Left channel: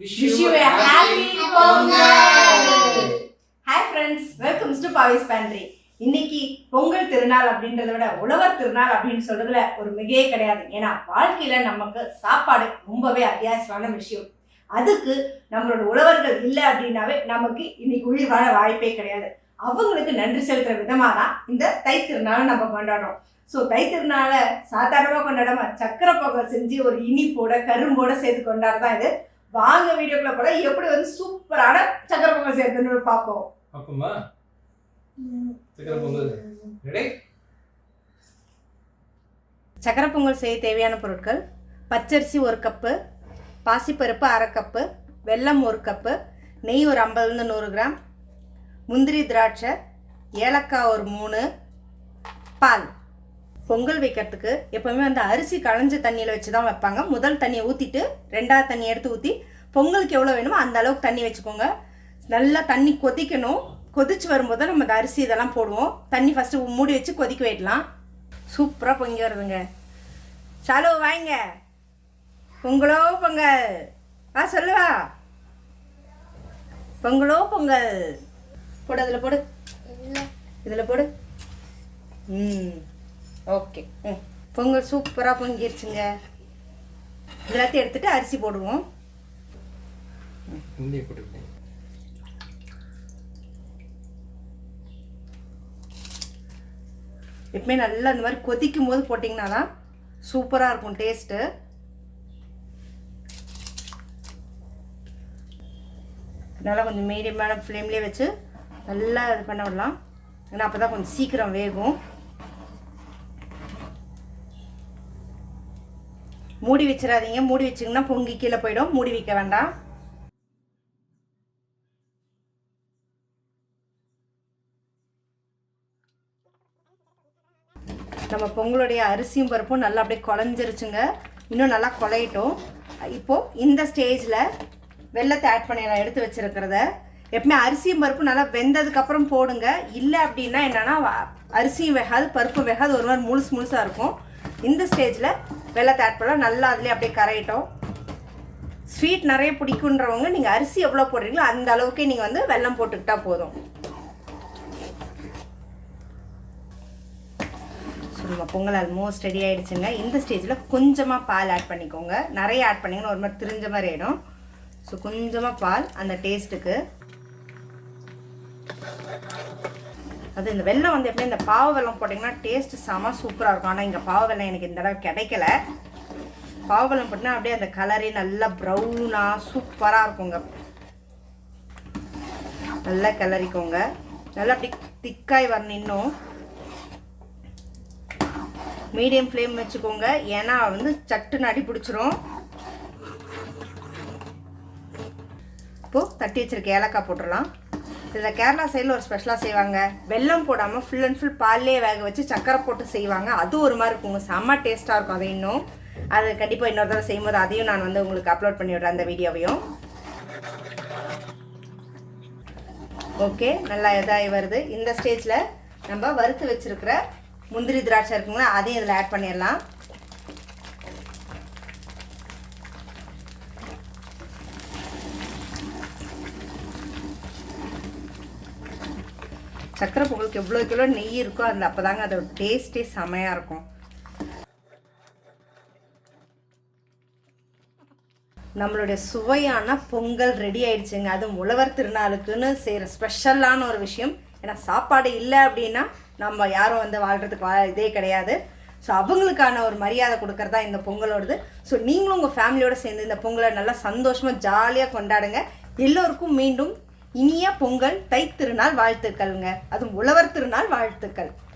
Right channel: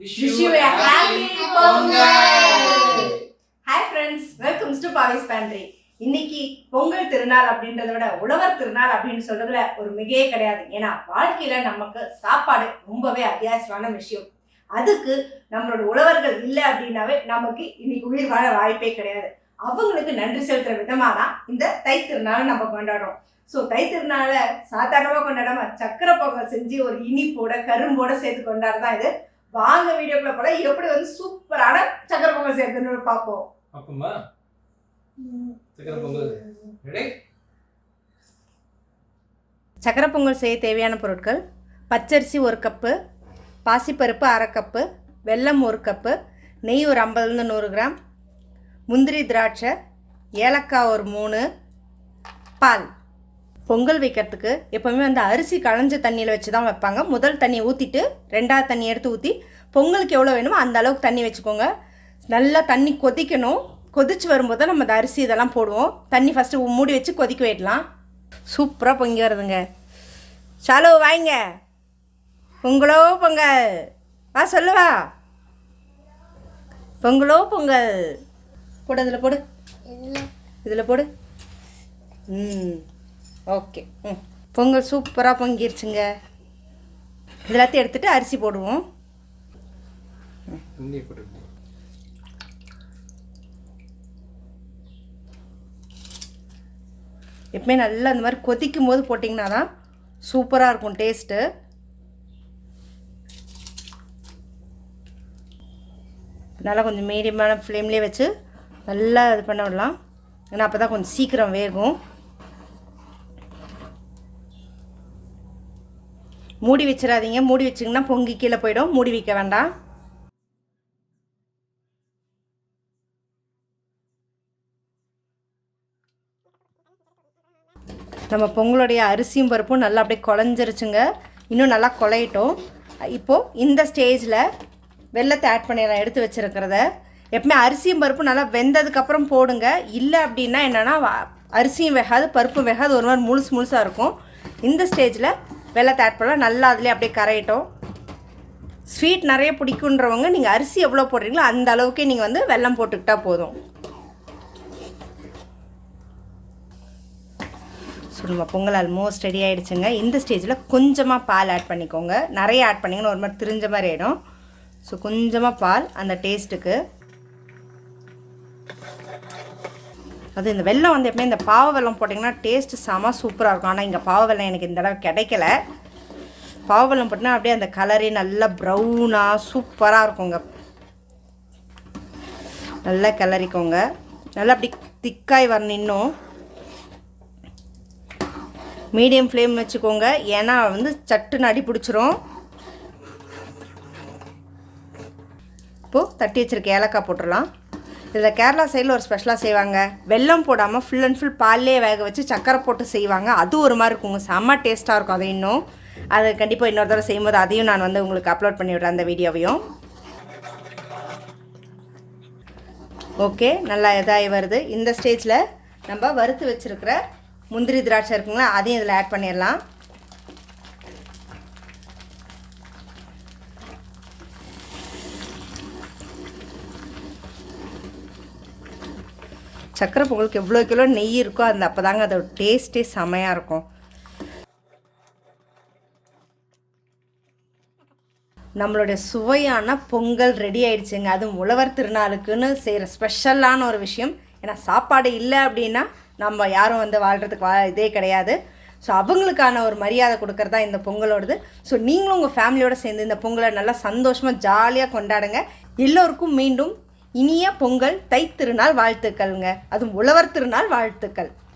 Wish you a happy Pongal! Hi friends, welcome to Pavi's Pantry. இன்னைக்கு பொங்கல் திருநாள் அப்படின்றத விட உழவர் திருநாள் அப்படின்னு சொல்றதுல ஒரு மிகையே கிடையாது. ஏன்னா வாழ்க்கையில நமக்கு சாப்பாடு ரொம்பவே அத்தியாவசியமான விஷயம். அதுக்கு நம்மளோட உழவர்கள் இல்லை அப்படின்னாவே நமக்கு இன்னைக்கு உயிர் வாழ வாய்ப்பே கிடையாது. அவங்களுக்கு நன்றி செலுத்துற விதமாக தான் இந்த தை திருநாளை நம்ம கொண்டாடுறோம். ஸோ தை திருநாளை சாதாரணமாக கொண்டாடாம சக்கரை பொங்கல் செஞ்சு ஒரு இனிப்போட கரும்போட சேர்த்து கொண்டாடுதான் இது. வாங்க வீடியோக்குள்ள போல எப்படி வந்து சூப்பரான சக்கரை பொங்கல் சேர்த்துன்னு பார்ப்போம். அப்பமா சக்கரை பொங்கல் ரெடி. சக்கரை பொங்கல் செய்ய தேவையான பொருட்கள்: பச்சரிசி 1 கப்பு, பாசிப்பருப்பு 1/2 கப்பு, வெல்லம் 1 கப்பு, நெய் ஒரு 50-100 கிராம், முந்திரி திராட்சை, ஏலக்காய் ஒரு 3, பால். பொங்கல் வைக்கிறதுக்கு எப்போவுமே வந்து அரிசி களைஞ்ச தண்ணியில் வச்சு தான் வைப்பாங்க. முதல் தண்ணியை ஊற்றிட்டு 2வது தண்ணி எடுத்து ஊற்றி பொங்கலுக்கு எவ்வளோ வேணுமோ அந்த அளவுக்கு தண்ணி வச்சுக்கோங்க. நல்லா தண்ணி கொதிக்கணும். கொதிச்சு வரும்போது நம்ம அந்த அரிசி இதெல்லாம் போடுவோம். தண்ணி ஃபஸ்ட்டு மூடி வச்சு கொதிக்க விடலாம். சூப்பராக பொங்கி வருதுங்க. சாலோ வாங்க, பொங்கலோ பொங்கல் வா சொல்லுவா. பொங்கலோ பொங்கல் போடு, அதில் போடு, இதில் போடு. ஓகே, பொங்கல் சூப்பராக பொங்கிருச்சுங்க. இதெல்லாத்தையும் எடுத்துகிட்டு அரிசி போடுவோம். எப்பவுமே நல்லா அந்த மாதிரி கொதிக்கும் போது போட்டிங்கன்னா தான் சூப்பராக இருக்கும் டேஸ்ட்டு. நல்லா கொஞ்சம் மீடியமான ஃப்ளேம்லேயே வச்சு நல்லா இது பண்ண விடலாம். ஏன்னா அப்போ தான் கொஞ்சம் சீக்கிரம் வேகும். மூடி வச்சிடாதீங்க. மூடி வச்சிங்கன்னா பொங்கி கீழே போயிடும். மூடி வைக்க வேண்டாம். நம்ம பொங்கலுடைய அரிசியும் பருப்பும் நல்லா அப்படியே குழஞ்சிருச்சுங்க. இன்னும் நல்லா குழையட்டும். இப்போது இந்த ஸ்டேஜில் வெல்லத்தை ஆட் பண்ணிடலாம். எடுத்து வச்சுருக்கிறத எப்பவுமே அரிசியும் பருப்பும் நல்லா வெந்ததுக்கப்புறம் போடுங்க. இல்லை அப்படின்னா என்னென்னா அரிசியும் வேகாது பருப்பும் வேகாது, ஒரு மாதிரி முழுசாக இருக்கும். இந்த ஸ்டேஜில் வெல்லத்தை ஆட் பண்ணலாம். நல்லா அதுலேயே அப்படியே கரையிட்டோம். ஸ்வீட் நிறைய பிடிக்குன்றவங்க நீங்கள் அரிசி எவ்வளோ போடுறீங்களோ அந்த அளவுக்கு நீங்கள் வந்து வெல்லம் போட்டுக்கிட்டால் போதும். சொல்லுங்க, பொங்கல் ஆல்மோஸ்ட் ரெடி ஆகிடுச்சுங்க. இந்த ஸ்டேஜில் கொஞ்சமாக பால் ஆட் பண்ணிக்கோங்க. நிறைய ஆட் பண்ணிங்கன்னா ஒரு மாதிரி திரிஞ்ச மாதிரி ஆகிடும். ஸோ கொஞ்சமாக பால் அந்த டேஸ்ட்டுக்கு. அது இந்த வெல்லம் வந்து எப்படின்னா இந்த பாவ வெல்லம் போட்டிங்கன்னா டேஸ்ட்டு செம சூப்பராக இருக்கும். ஆனால் இங்கே பாவ வெல்லம் எனக்கு இந்த அளவு கிடைக்கல. பாவ வெல்லம் போட்டினா அப்படியே அந்த கலரே நல்லா ப்ரௌனாக சூப்பராக இருக்குங்க. நல்லா கிளறிக்கோங்க. நல்லா அப்படி திக்காய் வரணும். இன்னும் மீடியம் ஃப்ளேம் வச்சுக்கோங்க. ஏன்னா வந்து சட்டுன்னு அடி பிடிச்சிரும். இப்போது தட்டி வச்சுருக்க ஏலக்காய் போட்டுடலாம். இதில் கேரளா சைடில் ஒரு ஸ்பெஷலாக செய்வாங்க. வெல்லம் போடாமல் ஃபுல் அண்ட் ஃபுல் பால்லே வேக வச்சு சக்கரை போட்டு செய்வாங்க. அது ஒரு மாதிரி இருக்குங்க, செம்ம டேஸ்ட்டாக இருக்கும். அது இன்னும் அது கண்டிப்பாக இன்னொரு தடவை செய்யும்போது அதையும் நான் வந்து உங்களுக்கு அப்லோட் பண்ணி விடுறேன், அந்த வீடியோவையும். ஓகே, நல்லா இதாகி வருது. இந்த ஸ்டேஜில் நம்ம வறுத்து வச்சுருக்கிற முந்திரி திராட்சை இருக்குங்களா, அதையும் இதில் ஆட் பண்ணிடலாம். சக்கரை பொங்கலுக்கு எவ்வளோ கிலோ நெய் இருக்கோ அந்த அப்போ தாங்க அதோட டேஸ்ட்டே செமையாக இருக்கும். நம்மளுடைய சுவையான பொங்கல் ரெடி ஆயிடுச்சுங்க. அதுவும் உழவர் திருநாளுக்குன்னு செய்கிற ஸ்பெஷலான ஒரு விஷயம். ஏன்னா சாப்பாடு இல்லை அப்படின்னா நம்ம யாரும் வந்து வாழ்கிறதுக்கு இதே கிடையாது. ஸோ அவங்களுக்கான ஒரு மரியாதை கொடுக்கறதா இந்த பொங்கலோடது. ஸோ நீங்களும் உங்கள் ஃபேமிலியோடு சேர்ந்து இந்த பொங்கலை நல்லா சந்தோஷமாக ஜாலியாக கொண்டாடுங்க. எல்லோருக்கும் மீண்டும் இனிய பொங்கல் தை திருநாள் வாழ்த்துக்கள்ங்க. அதுவும் உழவர் திருநாள் வாழ்த்துக்கள்.